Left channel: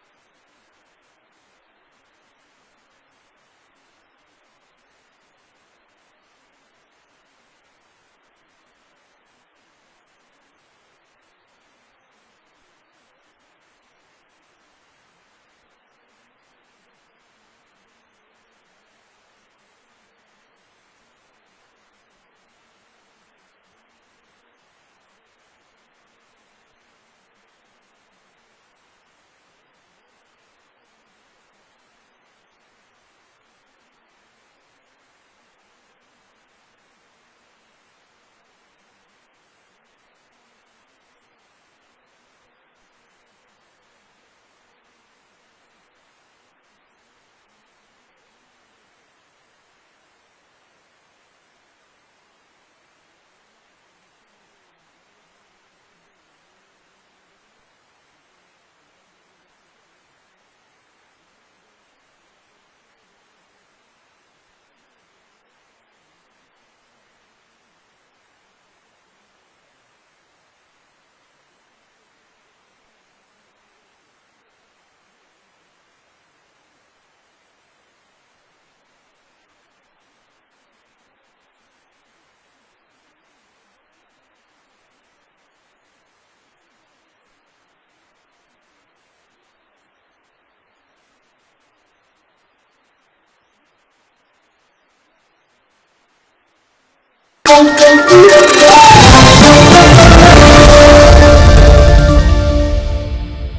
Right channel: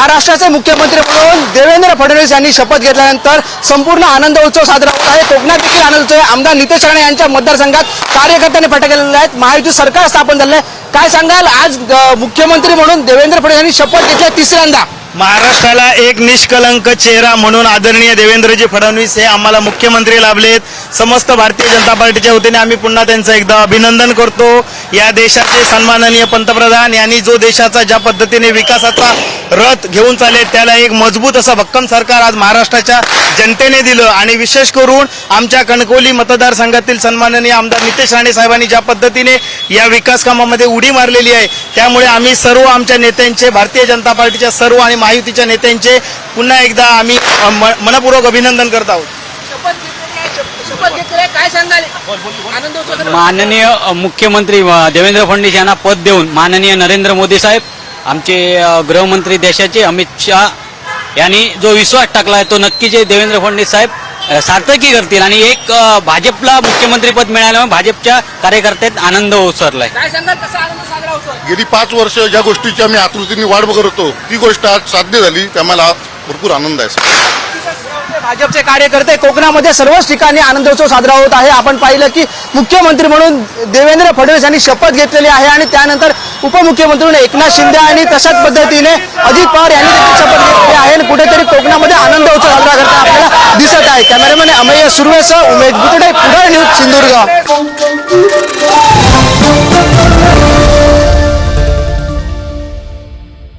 महाराष्ट्राचे मुख्यमंत्री म्हणून देवेंद्र फडणवीस यांनी शपथ घेतल्यानंतर संपूर्ण आनंद उत्सव साजरा होत आहे। कोकणात देखील आनंद उत्सव आहे। आमदार नितेश राणे यांच्या मतदारसंघात कार्यकर्त्यांनी फटाके केलेले आहेत। महायुती सरकार स्थापन झाले आहे। काय सांगाल, आज मुख्यमंत्री म्हणून देवेंद्र फडणवीस यांनी शपथ घेतली तिसऱ्यांदा। महाराष्ट्राला एक निष्कलंक चेहरा म्हणून आदरणीय देवेंद्रजी फडणवीस हे आम्हाला मुख्यमंत्री लाभलेत। समस्त भारतीय जनता पार्टीच्या वतीने आम्ही पुन्हा त्यांचं एकदा अभिनंदन करतो। या देशाचे सन्माननीय पंतप्रधान यांनी जो देशाचा ज्या पद्धतीने विकासाचा रथ घेऊन चालले त्याला एक मजबूत असं भक्कम सरकार आज महाराष्ट्राच्या जनतेने दिलं आणि विशेष करून आमच्या कणकवली मतदारसंघातील सन्माननीय आमदार नितेश राणे साहेबांनी ज्या पद्धतीने या विकास कामामध्ये उडी मारलेली आहे त्यामुळे आम्ही सर्व आमच्या नेत्यांचे, भारतीय जनता पार्टीच्या सर्व आणि महायुतीच्या नेत्यांचे पुन्हा एकदा आम्ही मनपूर्वक अभिनंदन करत आहोत। माननीय मुख्यमंत्री देवेंद्र फडणवीस यांना पद देऊन माननीय नरेंद्र मोदी साहेब, आमचे गृहमंत्री देशाचे अमित शाह यांनी जो विश्वास टाकलाय तो नक्कीच देवेंद्र फडणवीस साहेब सार्थकी करतील आणि एक भाजपला मुख्यमंत्री पद मिळाल्यामुळे भाजपच्या कार्यकर्त्यात आनंद ओसरलाय। गेली 5 वर्ष ज्या गोष्टीची आम्ही आतुरतेने वाट बघत होतो ती गोष्ट आज साध्य झाली, त्यामुळे भरपूर आनंद आहे। भाजपचे कार्यकर्ते कोकणामध्ये सर्वच ठिकाणी आनंदोत्सव साजरा होत आहे। आपण पाहिलं की मुख्यमंत्री म्हणून देवेंद्र फडणवीस यांनी शपथ घेतलेली आहे आणि त्यानंतर उपमुख्यमंत्री म्हणून एकनाथ शिंदे आणि तशाच पद्धतीने अजित पवार यांनी देखील शपथ घेतली आहे आणि कुठेतरी कोकणामध्ये आनंदोत्सव साजरा करताना आपल्याला दिसत आहे। कॅमेरामॅन अमेय सुर्वेसह उमेश बुतडे, पुढारी न्यूज, सिंधुदुर्ग।